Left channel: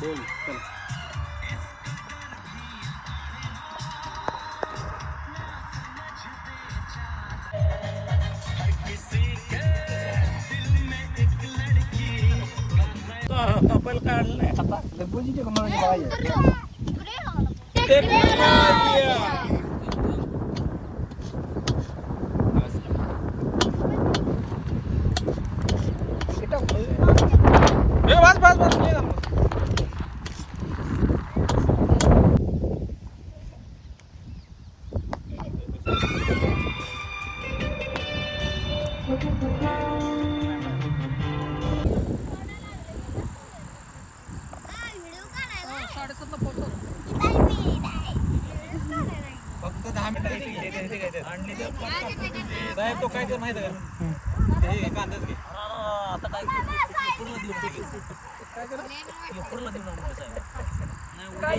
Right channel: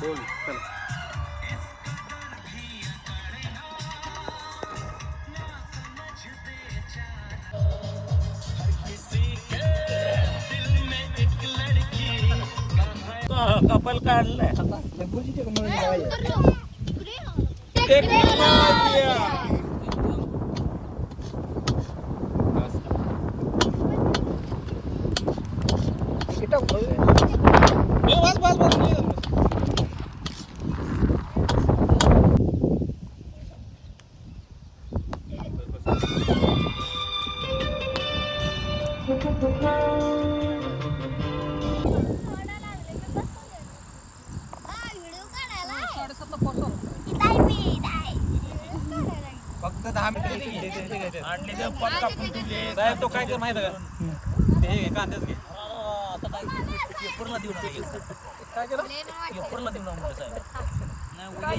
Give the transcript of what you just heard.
बोल चल. कपल काढलंय बस बस बस फक्त 10 मिनिटं तो काय ते माहिती का ते कांद्याच घे आता काय पेपरला देऊन काय केलं पेपरला देऊन काय